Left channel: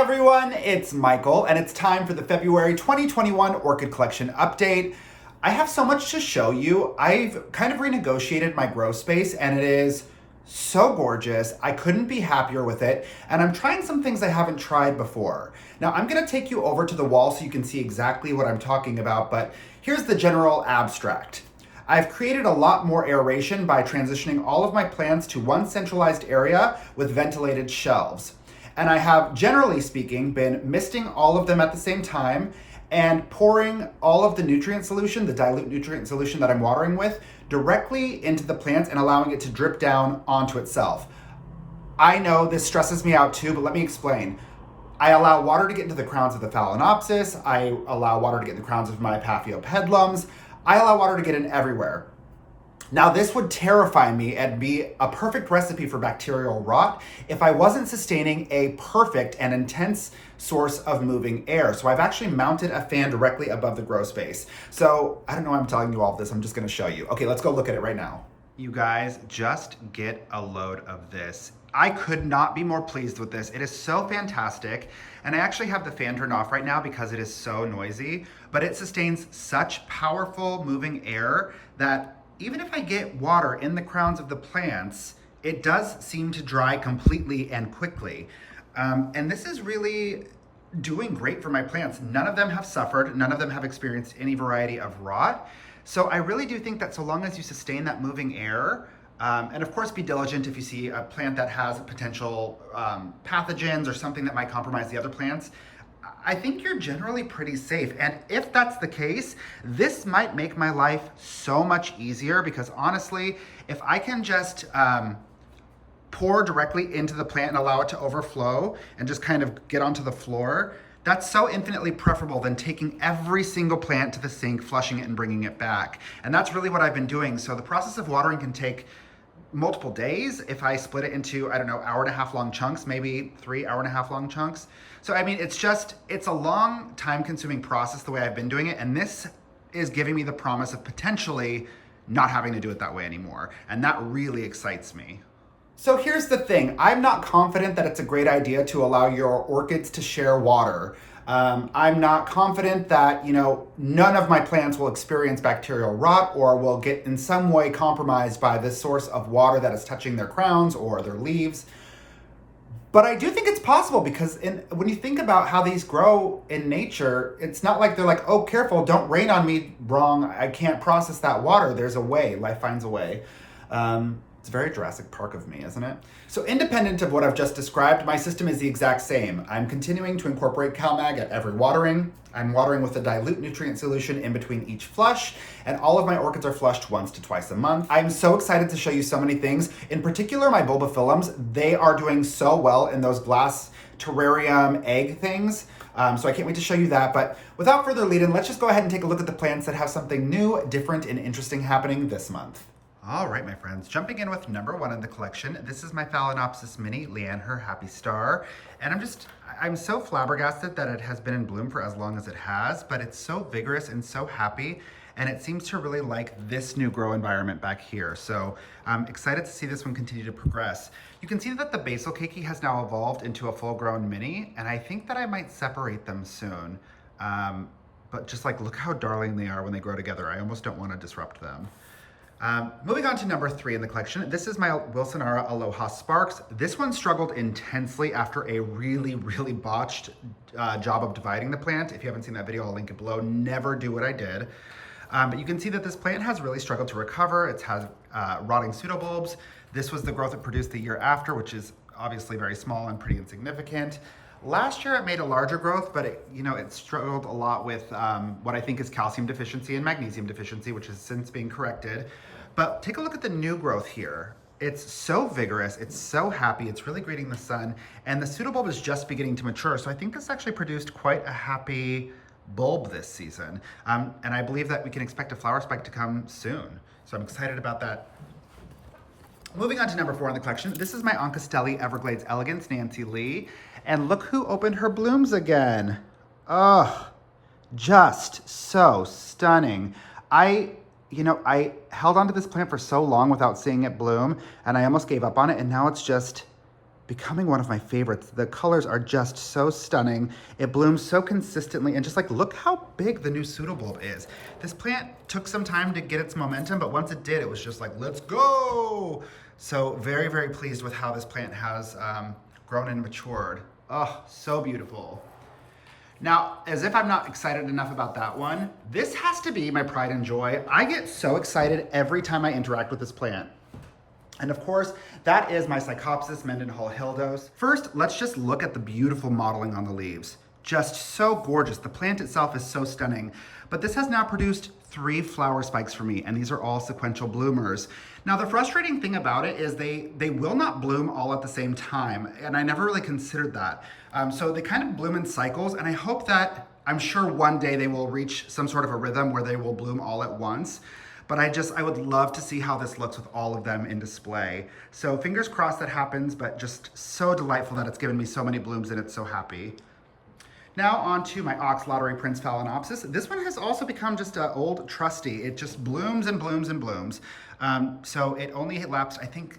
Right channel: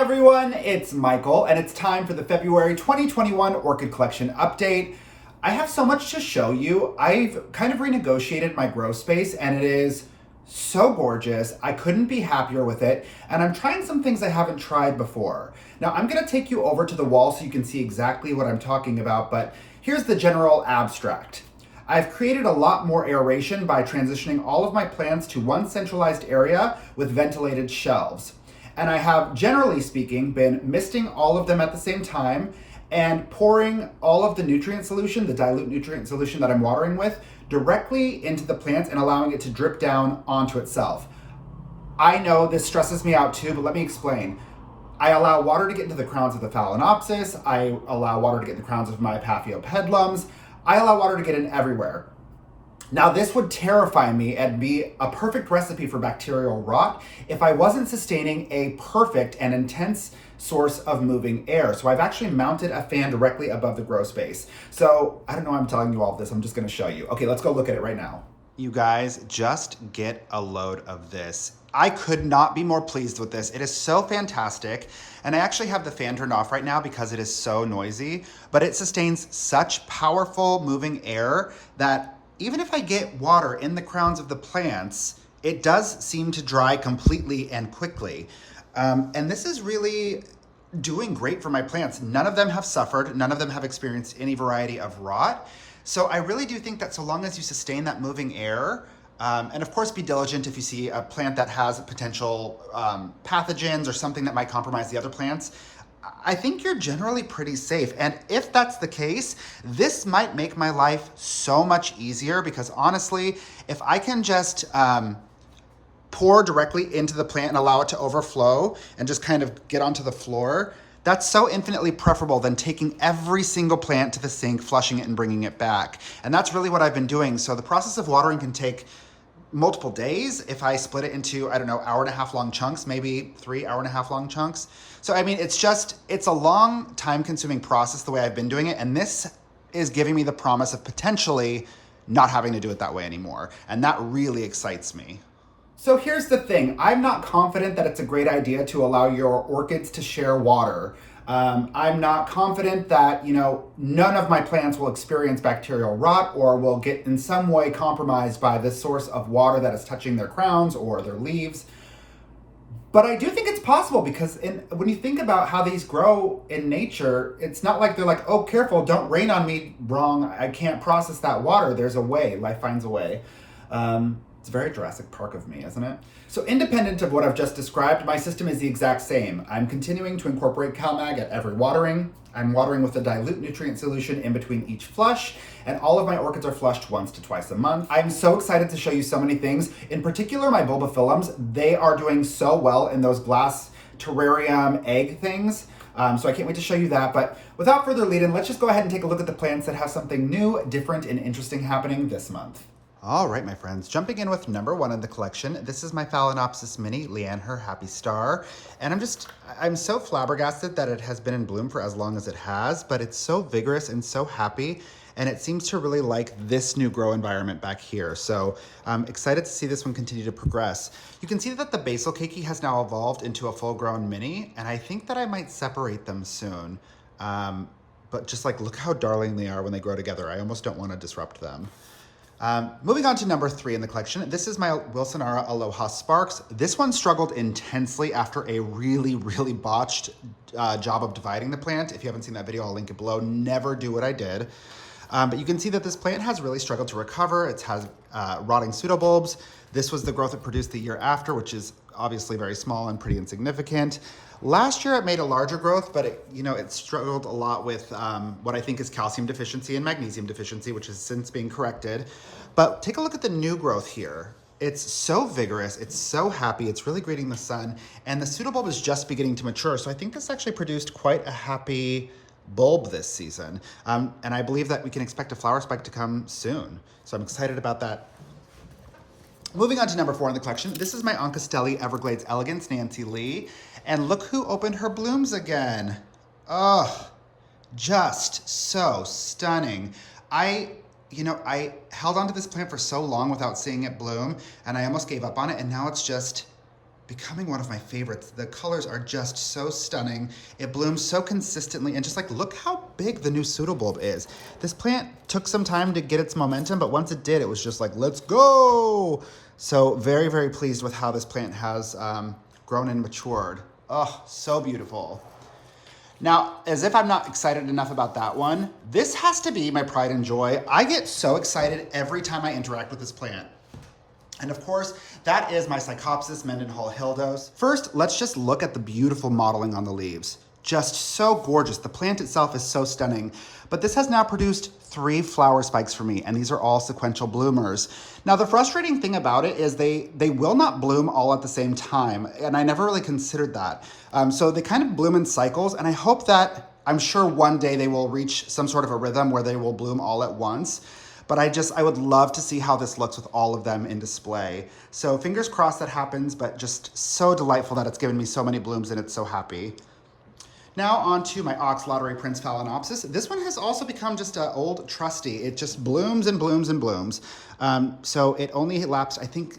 everyone, it's Michael, and it's time for the February 2021 Orchid Collection update. I have so much to show you. I've kind of renegotiated my grow space, and it is so gorgeous. I couldn't be happier with it, and I'm trying some things I haven't tried before. Now, I'm gonna take you over to the wall so you can see exactly what I'm talking about, but here's the general abstract. I've created a lot more aeration by transitioning all of my plants to one centralized area with ventilated shelves. And I have, generally speaking, been misting all of them at the same time and pouring all of the nutrient solution, the dilute nutrient solution that I'm watering with, directly into the plants and allowing it to drip down onto itself. I know this stresses me out too, but let me explain. I allow water to get into the crowns of the Phalaenopsis. I allow water to get in the crowns of my Epidendums. I allow water to get in everywhere. Now, this would terrify me and be a perfect recipe for bacterial rot if I wasn't sustaining a perfect and intense source of moving air. So I've actually mounted a fan directly above the grow space. So I don't know why I'm telling you all of this. I'm just gonna show you. Okay, let's go look at it right now. You guys, just get a load of this. I could not be more pleased with this. It is so fantastic. And I actually have the fan turned off right now because it is so noisy, but it sustains such powerful moving air that even if I get water in the crowns of the plants, it does seem to dry completely and quickly. And this is really doing great for my plants. None of them have suffered. None of them have experienced any variety of rot. So I really do think that so long as you sustain that moving air, and of course be diligent if you see a plant that has potential pathogens or something that might compromise the other plants, I think you're generally pretty safe. And if that's the case, this might make my life so much easier because honestly, if I can just pour directly into the plant and allow it to overflow and just kind of get onto the floor, that's so infinitely preferable than taking every single plant to the sink, flushing it and bringing it back. And that's really what I've been doing. So the process of watering can take multiple days if I split it into, I don't know, hour-and-a-half long chunks, maybe 3 hour-and-a-half long chunks. So, I mean, it's a long time-consuming process the way I've been doing it, and this is giving me the promise of potentially not having to do it that way anymore, and that really excites me. So here's the thing. I'm not confident that it's a great idea to allow your orchids to share water. I'm not confident that, none of my plants will experience bacterial rot or will get in some way compromised by this source of water that is touching their crowns or their leaves. But I do think it's possible because when you think about how these grow in nature, it's not like they're like, oh, careful, don't rain on me wrong. I can't process that water. There's a way. Life finds a way. It's very Jurassic Park of me, isn't it? So independent of what I've just described, my system is the exact same. I'm continuing to incorporate CalMag at every watering. I'm watering with a dilute nutrient solution in between each flush, and all of my orchids are flushed once to twice a month. I'm so excited to show you so many things. In particular, my bulbophyllums, they are doing so well in those glass terrarium egg things. So I can't wait to show you that. But without further lead-in, let's just go ahead and take a look at the plants that have something new, different, and interesting happening this month. All right, my friends, jumping in with number 1 in the collection. This is my Phalaenopsis mini, Liannehr Happy Star. And I'm so flabbergasted that it has been in bloom for as long as it has, but it's so vigorous and so happy. And it seems to really like this new grow environment back here. So I'm excited to see this one continue to progress. You can see that the basal keiki has now evolved into a full-grown mini, and I think that I might separate them soon. But just look how darling they are when they grow together. I almost don't want to disrupt them. Moving on to number 3 in the collection, this is my Wilsonara Aloha Sparks. This one struggled intensely after a really, really botched job of dividing the plant. If you haven't seen that video, I'll link it below. Never do what I did. But you can see that this plant has really struggled to recover. It has rotting pseudobulbs. This was the growth it produced the year after, which is obviously very small and pretty insignificant. Last year it made a larger growth, but it struggled a lot with what I think is calcium deficiency and magnesium deficiency, which has since been corrected. But take a look at the new growth here. It's so vigorous, it's so happy, it's really greeting the sun, and the pseudobulb is just beginning to mature. So I think this actually produced quite a happy bulb this season. And I believe that we can expect a flower spike to come soon. So I'm excited about that. Moving on to number 4 in the collection, this is my Oncastelli Everglades Elegance, Nancy Lee. And look who opened her blooms again. Oh, just so stunning. I held onto this plant for so long without seeing it bloom, and I almost gave up on it, and now it's just becoming one of my favorites. The colors are just so stunning. It blooms so consistently, and just like, look how big the new pseudobulb is. This plant took some time to get its momentum, but once it did, it was just like, let's go. So very, very pleased with how this plant has grown and matured. Oh, so beautiful. Now, as if I'm not excited enough about that one, this has to be my pride and joy. I get so excited every time I interact with this plant. And of course, that is my Psychopassis Mendenhall Hildos. First, let's just look at the beautiful modeling on the leaves. Just so gorgeous. The plant itself is so stunning. But this has now produced 3 flower spikes for me, and these are all sequential bloomers. Now, the frustrating thing about it is they will not bloom all at the same time, and I never really considered that. So they kind of bloom in cycles, and I hope that, I'm sure one day they will reach some sort of a rhythm where they will bloom all at once. But I would love to see how this looks with all of them in display. So fingers crossed that happens, but just so delightful that it's given me so many blooms and it's so happy. Now on to my Ox Lottery Prince Phalaenopsis. This one has also become just an old trusty. It just blooms and blooms and blooms. So it only lapsed, I think,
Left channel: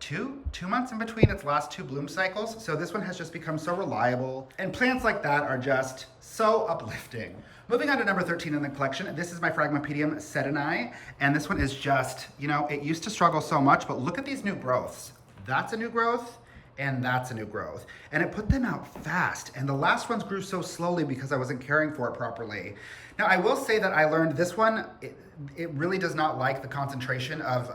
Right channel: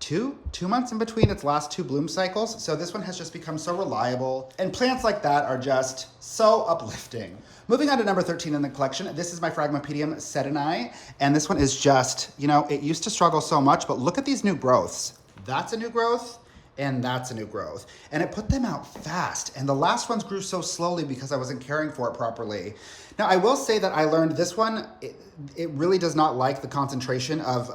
two months in between its last 2 bloom cycles. So this one has just become so reliable. And plants like that are just so uplifting. Moving on to number 13 in the collection, this is my Phragmipedium sedani, and this one is just, you know, it used to struggle so much, but look at these new growths. That's a new growth, and that's a new growth. And it put them out fast, and the last ones grew so slowly because I wasn't caring for it properly. Now, I will say that I learned this one, it really does not like the concentration of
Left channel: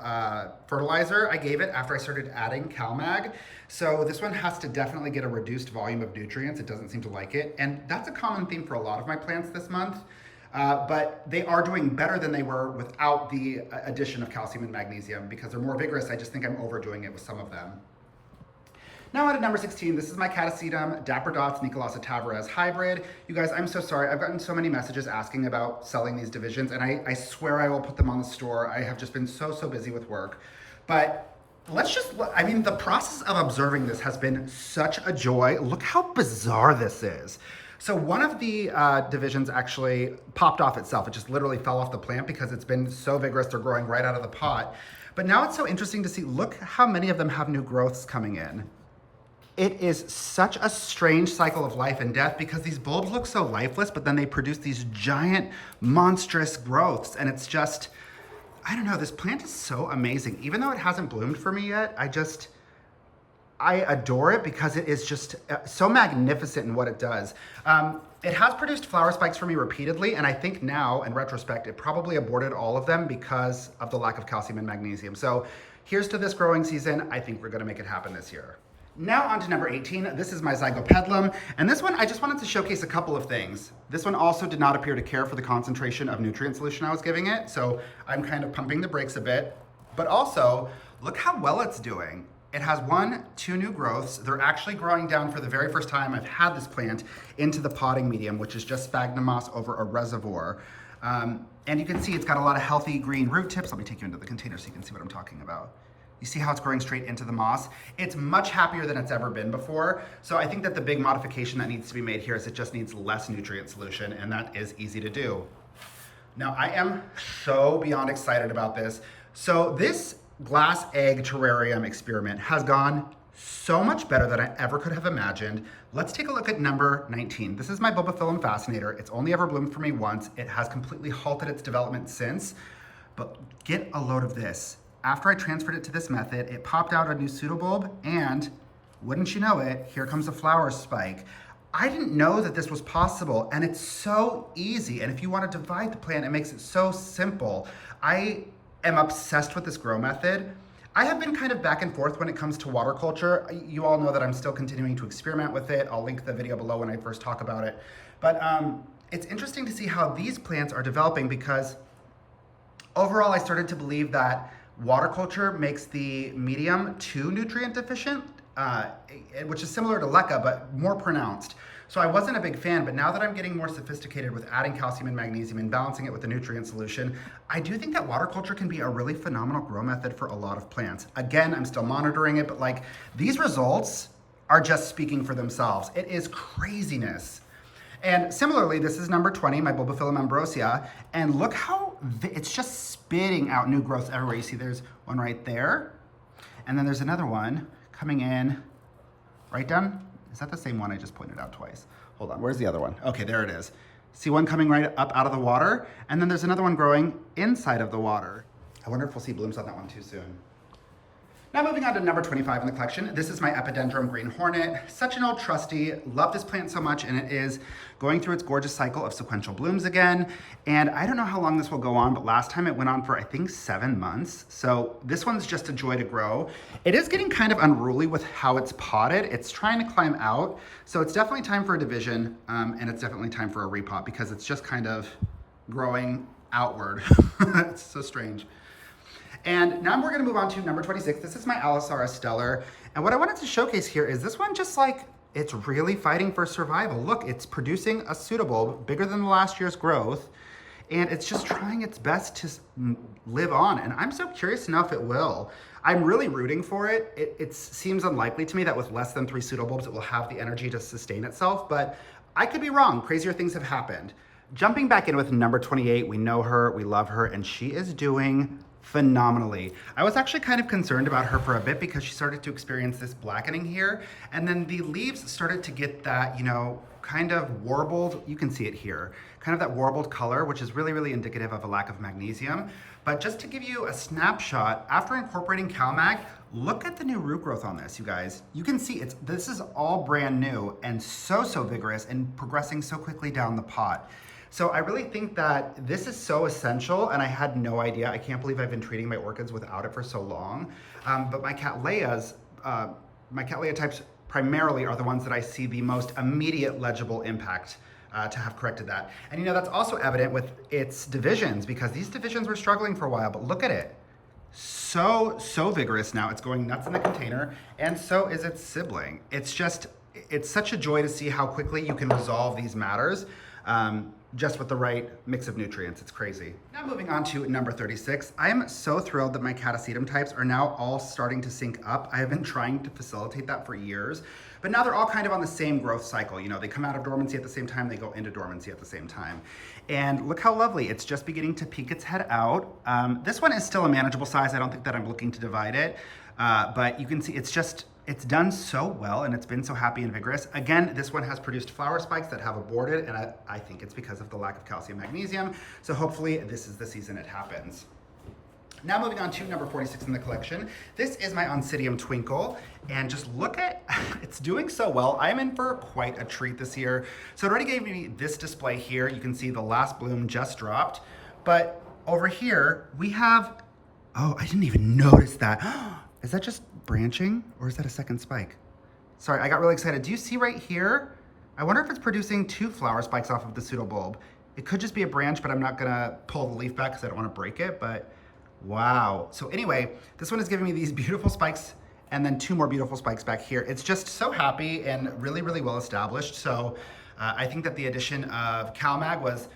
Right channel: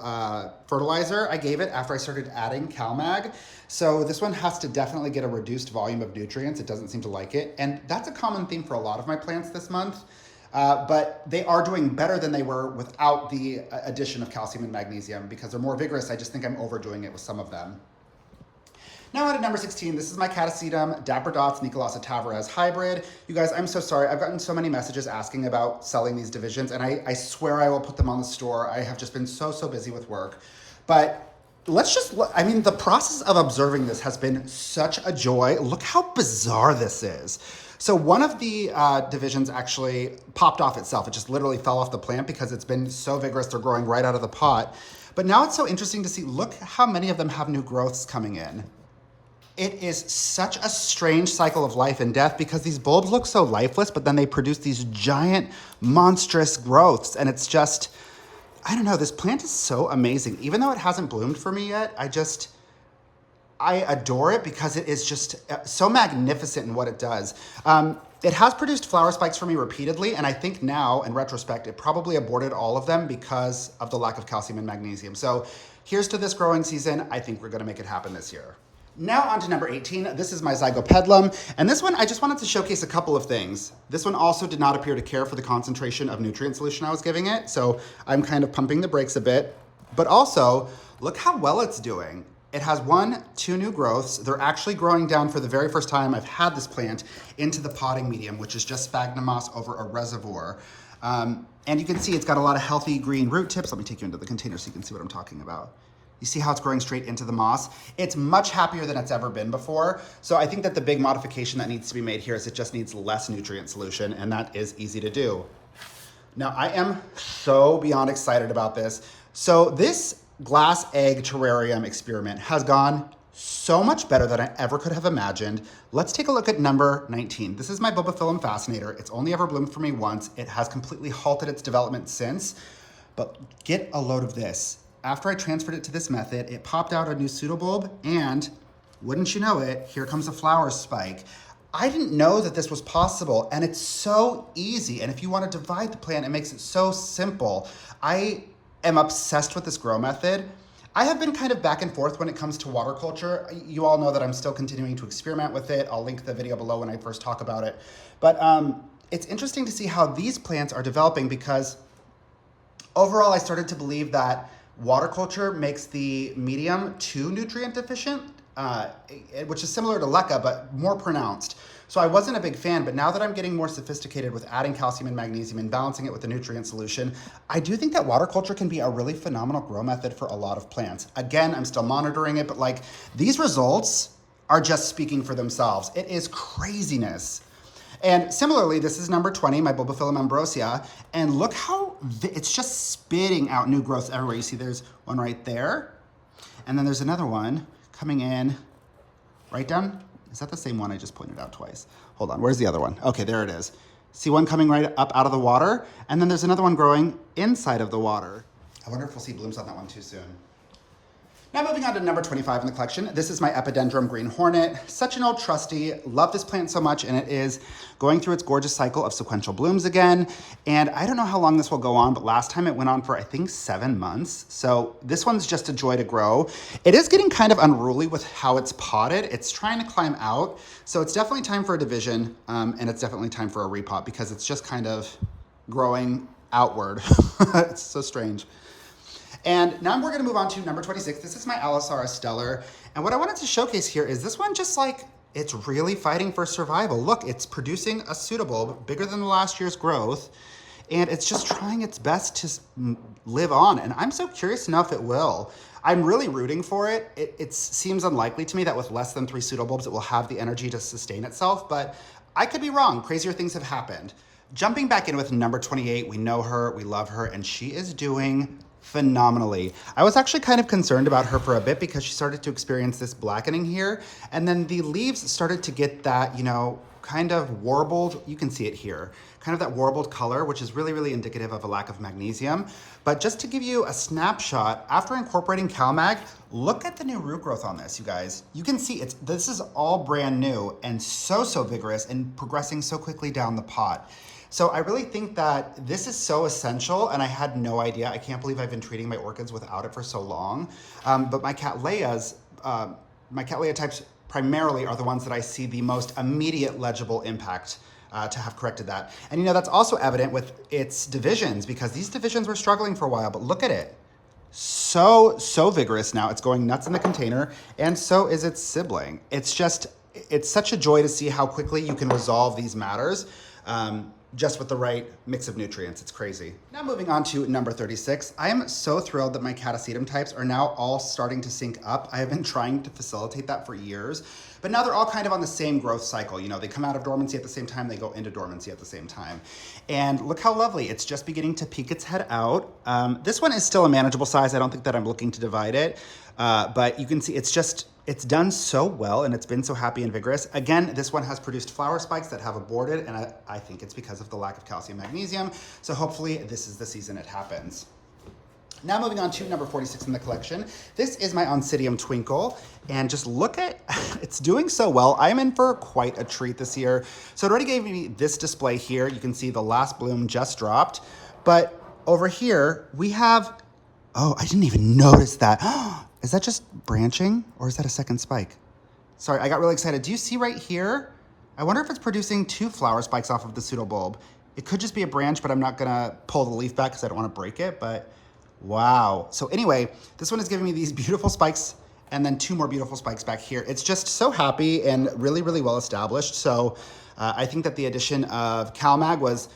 fertilizer I gave it after I started adding CalMag. So this one has to definitely get a reduced volume of nutrients. It doesn't seem to like it. And that's a common theme for a lot of my plants this month. But they are doing better than they were without the addition of calcium and magnesium because they're more vigorous. I just think I'm overdoing it with some of them. Now on to number 16, this is my Catasetum Dapper Dots Nicolasa Tavares hybrid. You guys, I'm so sorry. I've gotten so many messages asking about selling these divisions, and I swear I will put them on the store. I have just been so busy with work. But let's just look, I mean, the process of observing this has been such a joy. Look how bizarre this is. So one of the divisions actually popped off itself. It just literally fell off the plant because it's been so vigorous. They're growing right out of the pot. But now it's so interesting to see, look how many of them have new growths coming in. It is such a strange cycle of life and death because these bulbs look so lifeless, but then they produce these giant, monstrous growths. And it's just, I don't know, this plant is so amazing. Even though it hasn't bloomed for me yet, I adore it because it is just so magnificent in what it does. It has produced flower spikes for me repeatedly, and I think now, in retrospect, it probably aborted all of them because of the lack of calcium and magnesium. So here's to this growing season. I think we're gonna make it happen this year. Now on to number 18. This is my Zygopetalum, and this one, I just wanted to showcase a couple of things. This one also did not appear to care for the concentration of nutrient solution I was giving it, so I'm kind of pumping the brakes a bit. But also, look how well it's doing. It has 2 new growths. They're actually growing down for the very first time I've had this plant into the potting medium, which is just sphagnum moss over a reservoir. And you can see it's got a lot of healthy green root tips. Let me take you into the container so you can see what I'm talking about. You see how it's growing straight into the moss? It's much happier than it's ever been before. So I think that the big modification that needs to be made here is it just needs less nutrient solution, and that is easy to do. Now I am so beyond excited about this. So this glass egg terrarium experiment has gone so much better than I ever could have imagined. Let's take a look at number 19. This is my Bubba Fascinator. It's only ever bloomed for me once. It has completely halted its development since, but get a load of this. After I transferred it to this method, it popped out a new pseudobulb, and wouldn't you know it, here comes a flower spike. I didn't know that this was possible, and it's so easy. And if you want to divide the plant, it makes it so simple. I am obsessed with this grow method. I have been kind of back and forth when it comes to water culture. You all know that I'm still continuing to experiment with it. I'll link the video below when I first talk about it. But it's interesting to see how these plants are developing because overall I started to believe that water culture makes the medium too nutrient deficient, which is similar to leca, but more pronounced. So I wasn't a big fan, but now that I'm getting more sophisticated with adding calcium and magnesium and balancing it with the nutrient solution, I do think that water culture can be a really phenomenal grow method for a lot of plants. Again, I'm still monitoring it, but like these results are just speaking for themselves. It is craziness. And similarly, this is number 20, my Bulbophyllum ambrosia, and look how it's just spitting out new growth everywhere. You see there's one right there, and then there's another one coming in right down. Is that the same one I just pointed out twice? Hold on, where's the other one? Okay, there it is. See one coming right up out of the water, and then there's another one growing inside of the water. I wonder if we'll see blooms on that one too soon. Now moving on to number 25 in the collection. This is my Epidendrum Green Hornet. Such an old trusty, love this plant so much, and it is going through its gorgeous cycle of sequential blooms again. And I don't know how long this will go on, but last time it went on for, I think, 7 months. So this one's just a joy to grow. It is getting kind of unruly with how it's potted. It's trying to climb out. So it's definitely time for a division, and it's definitely time for a repot because it's just kind of growing outward. It's so strange. And now we're gonna move on to number 26. This is my Allosaurus stellar. And what I wanted to showcase here is this one just like, it's really fighting for survival. Look, it's producing a pseudobulb bigger than the last year's growth. And it's just trying its best to live on. And I'm so curious to know if it will. I'm really rooting for it. It seems unlikely to me that with less than 3 pseudobulbs, it will have the energy to sustain itself, but I could be wrong. Crazier things have happened. Jumping back in with number 28, we know her, we love her, and she is doing phenomenally. I was actually kind of concerned about her for a bit because she started to experience this blackening here, and then the leaves started to get that, you know, kind of warbled, you can see it here, kind of that warbled color, which is really, really indicative of a lack of magnesium. But just to give you a snapshot, after incorporating CalMag, look at the new root growth on this, you guys. You can see this is all brand new and so vigorous and progressing so quickly down the pot. So I really think that this is so essential, and I had no idea. I can't believe I've been treating my orchids without it for so long. But my Cattleyas, my Cattleya types primarily are the ones that I see the most immediate legible impact to have corrected that. And you know, that's also evident with its divisions because these divisions were struggling for a while, but look at it. So vigorous now. It's going nuts in the container, and so is its sibling. It's such a joy to see how quickly you can resolve these matters. Just with the right mix of nutrients. It's crazy. Now moving on to number 36. I am so thrilled that my Catasetum types are now all starting to sync up. I have been trying to facilitate that for years, but now they're all kind of on the same growth cycle. You know, they come out of dormancy at the same time, they go into dormancy at the same time. And look how lovely, it's just beginning to peek its head out. This one is still a manageable size. I don't think that I'm looking to divide it, but you can see it's done so well, and it's been so happy and vigorous. Again, this one has produced flower spikes that have aborted, and I think it's because of the lack of calcium magnesium. So hopefully this is the season it happens. Now moving on to number 46 in the collection. This is my Oncidium Twinkle, and just look at, it's doing so well. I am in for quite a treat this year. So it already gave me this display here. You can see the last bloom just dropped, but over here we have, oh, I didn't even notice that. Is that just branching or is that a second spike? Sorry, I got really excited. Do you see right here? I wonder if it's producing 2 flower spikes off of the pseudobulb. It could just be a branch, but I'm not gonna pull the leaf back because I don't wanna break it, but wow. So anyway, this one is giving me these beautiful spikes and then 2 more beautiful spikes back here. It's just so happy and really, really well established. So I think that the addition of CalMag was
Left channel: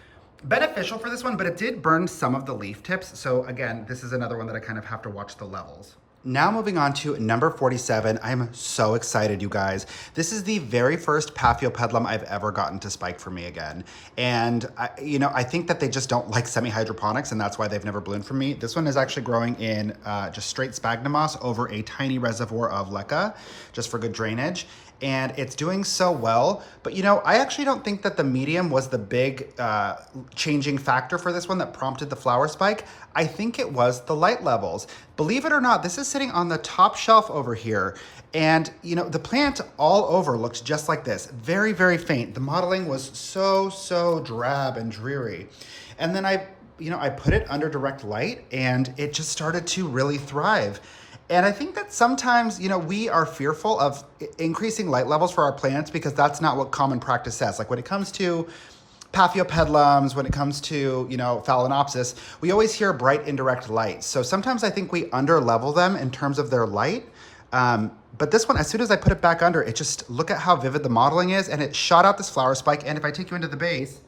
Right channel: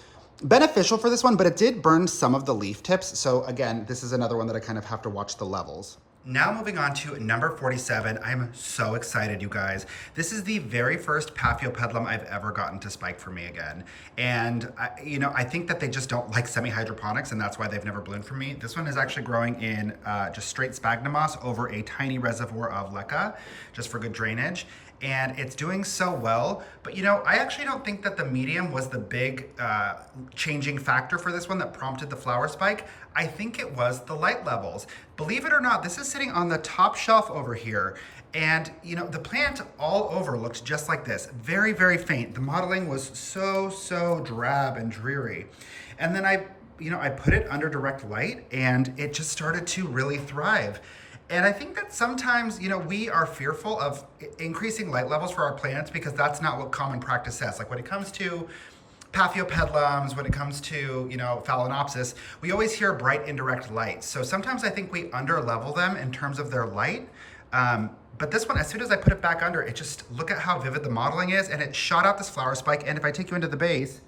beneficial for this one, but it did burn some of the leaf tips. So again, this is another one that I kind of have to watch the levels. Now moving on to number 47, I'm so excited, you guys. This is the very first Paphiopedilum I've ever gotten to spike for me again. And I think that they just don't like semi-hydroponics, and that's why they've never bloomed for me. This one is actually growing in just straight sphagnum moss over a tiny reservoir of leca, just for good drainage. And it's doing so well, but I actually don't think that the medium was the big changing factor for this one that prompted the flower spike. I think it was the light levels. Believe it or not, this is sitting on the top shelf over here. And the plant all over looked just like this, very, very faint. The modeling was so drab and dreary. And then I put it under direct light and it just started to really thrive. And I think that sometimes, we are fearful of increasing light levels for our plants because that's not what common practice says. Like when it comes to Paphiopedilums, when it comes to, Phalaenopsis, we always hear bright indirect light. So sometimes I think we underlevel them in terms of their light. But this one, as soon as I put it back under, it just, look at how vivid the modeling is, and it shot out this flower spike. And if I take you into the base,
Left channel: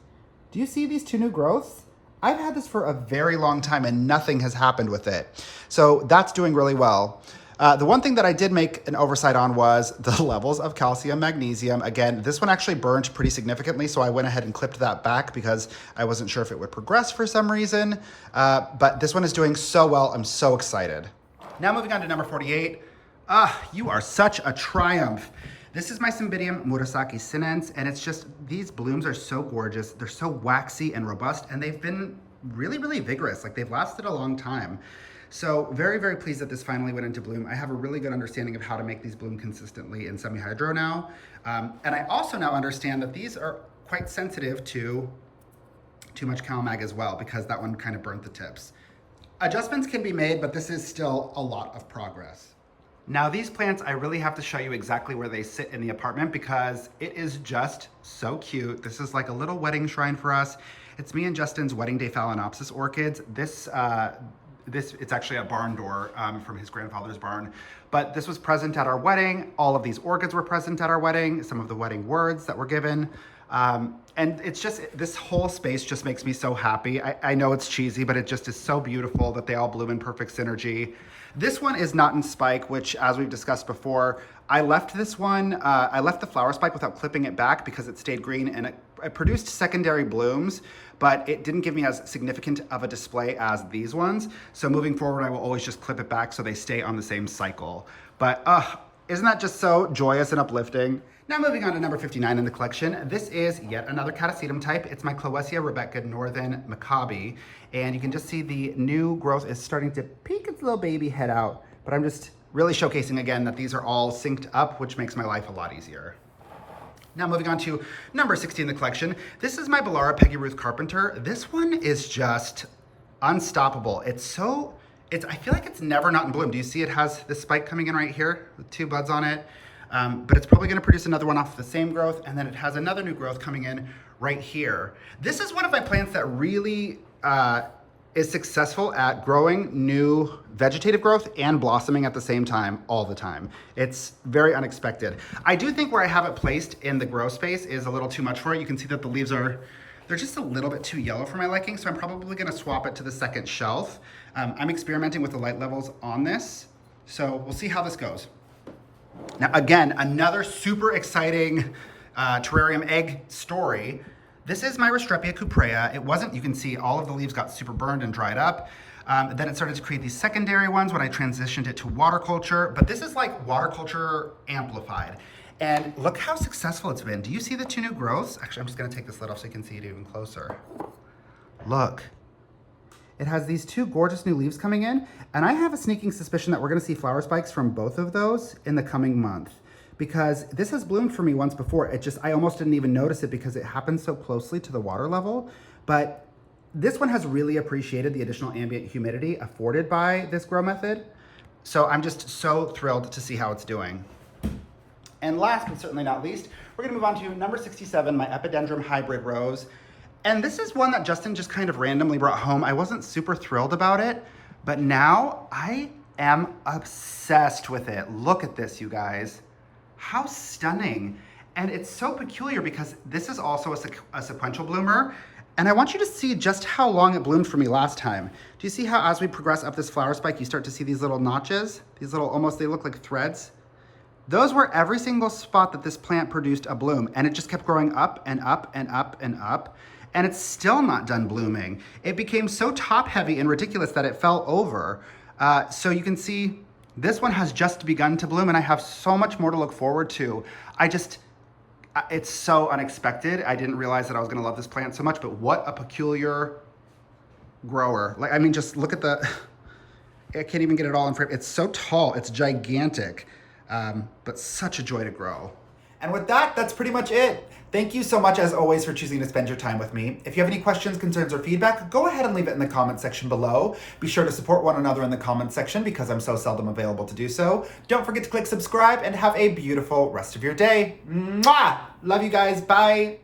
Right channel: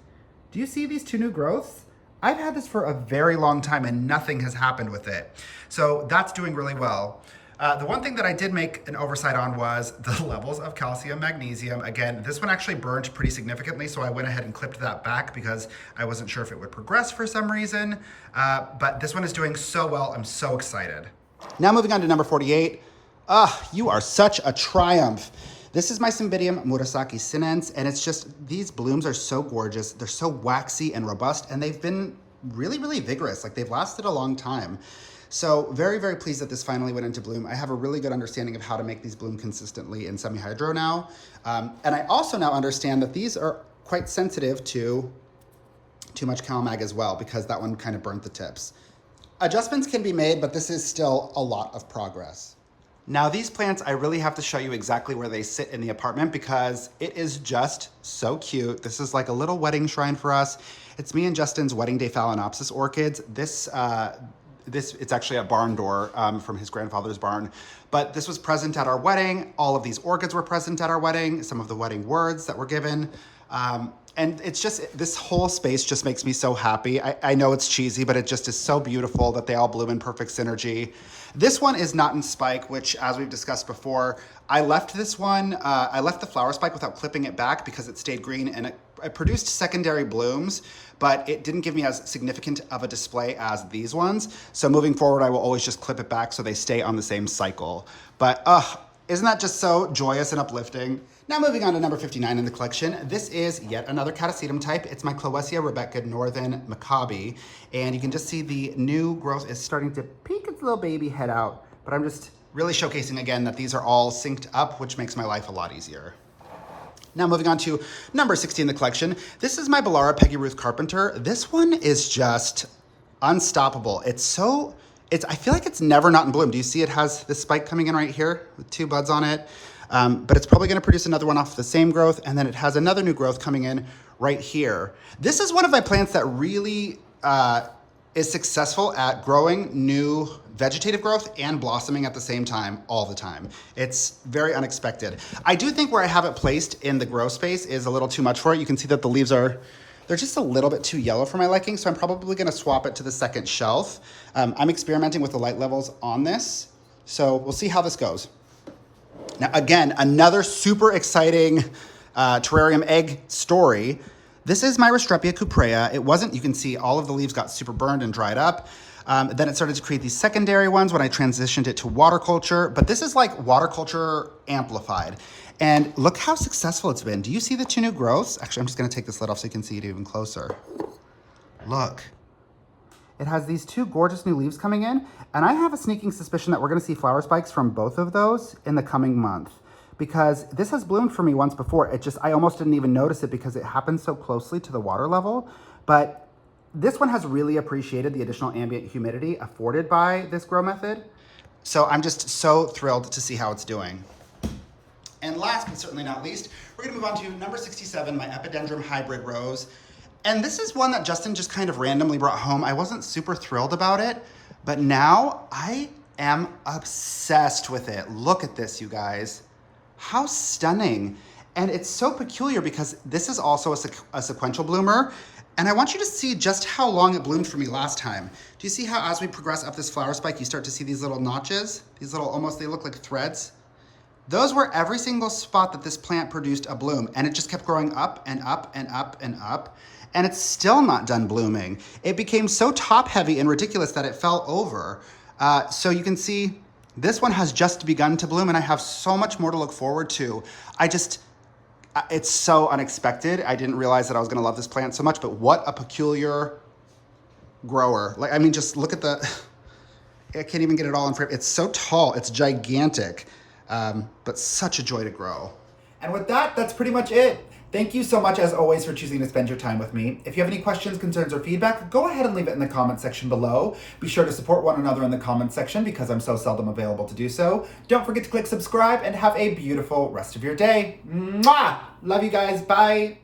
do you see these 2 new growths? I've had this for a very long time and nothing has happened with it. So that's doing really well. The one thing that I did make an oversight on was the levels of calcium, magnesium. Again, this one actually burned pretty significantly, so I went ahead and clipped that back because I wasn't sure if it would progress for some reason. But this one is doing so well, I'm so excited. Now moving on to number 48. You are such a triumph. This is my Cymbidium Murasaki Sinens, and it's just, these blooms are so gorgeous. They're so waxy and robust, and they've been really, really vigorous. Like, they've lasted a long time. So very, very pleased that this finally went into bloom. I have a really good understanding of how to make these bloom consistently in semi-hydro now. And I also now understand that these are quite sensitive to too much CalMag as well, because that one kind of burnt the tips. Adjustments can be made, but this is still a lot of progress. Now these plants, I really have to show you exactly where they sit in the apartment because it is just so cute. This is like a little wedding shrine for us. It's me and Justin's wedding day Phalaenopsis orchids. It's actually a barn door from his grandfather's barn, but this was present at our wedding. All of these orchids were present at our wedding, some of the wedding words that were given. And it's just, this whole space just makes me so happy. I know it's cheesy, but it just is so beautiful that they all bloom in perfect synergy. This one is not in spike, which, as we've discussed before, I left this one, I left the flower spike without clipping it back because it stayed green and it produced secondary blooms, but it didn't give me as significant of a display as these ones. So moving forward, I will always just clip it back so they stay on the same cycle. But isn't that just so joyous and uplifting? Now moving on to number 59 in the collection. This is yet another Catasetum type. It's my Clowesia Rebecca Northern Maccabi. And you can just see the new growth is starting to peek its little baby head out. But I'm just really showcasing again that these are all synced up, which makes my life a lot easier. Now moving on to number 60 in the collection. This is my Belara Peggy Ruth Carpenter. This one is just unstoppable. I feel like it's never not in bloom. Do you see it has this spike coming in right here with 2 buds on it? But it's probably gonna produce another one off the same growth, and then it has another new growth coming in right here. This is one of my plants that really is successful at growing new vegetative growth and blossoming at the same time, all the time. It's very unexpected. I do think where I have it placed in the grow space is a little too much for it. You can see that the leaves they're just a little bit too yellow for my liking, so I'm probably gonna swap it to the second shelf. I'm experimenting with the light levels on this, so we'll see how this goes. Now, again, another super exciting terrarium egg story. This is my Restrepia cuprea. It wasn't, you can see all of the leaves got super burned and dried up. Then it started to create these secondary ones when I transitioned it to water culture, but this is like water culture amplified. And look how successful it's been. Do you see the 2 new growths? Actually, I'm just gonna take this lid off so you can see it even closer. Look. It has these 2 gorgeous new leaves coming in, and I have a sneaking suspicion that we're gonna see flower spikes from both of those in the coming month, because this has bloomed for me once before. I almost didn't even notice it because it happened so closely to the water level, but this one has really appreciated the additional ambient humidity afforded by this grow method. So I'm just so thrilled to see how it's doing. And last but certainly not least, we're gonna move on to number 67, my Epidendrum hybrid rose. And this is one that Justin just kind of randomly brought home. I wasn't super thrilled about it, but now I am obsessed with it. Look at this, you guys. How stunning. And it's so peculiar because this is also a sequential bloomer. And I want you to see just how long it bloomed for me last time. Do you see how as we progress up this flower spike, you start to see these little notches? These little, almost, they look like threads. Those were every single spot that this plant produced a bloom, and it just kept growing up and up and up and up. And it's still not done blooming. It became so top heavy and ridiculous that it fell over. So you can see this one has just begun to bloom, and I have so much more to look forward to. It's so unexpected. I didn't realize that I was gonna love this plant so much, but what a peculiar grower. Like, I mean, just look at I can't even get it all in frame. It's so tall, it's gigantic, but such a joy to grow. And with that, that's pretty much it. Thank you so much, as always, for choosing to spend your time with me. If you have any questions, concerns, or feedback, go ahead and leave it in the comment section below. Be sure to support one another in the comment section because I'm so seldom available to do so. Don't forget to click subscribe and have a beautiful rest of your day. Mwah! Love you guys. Bye.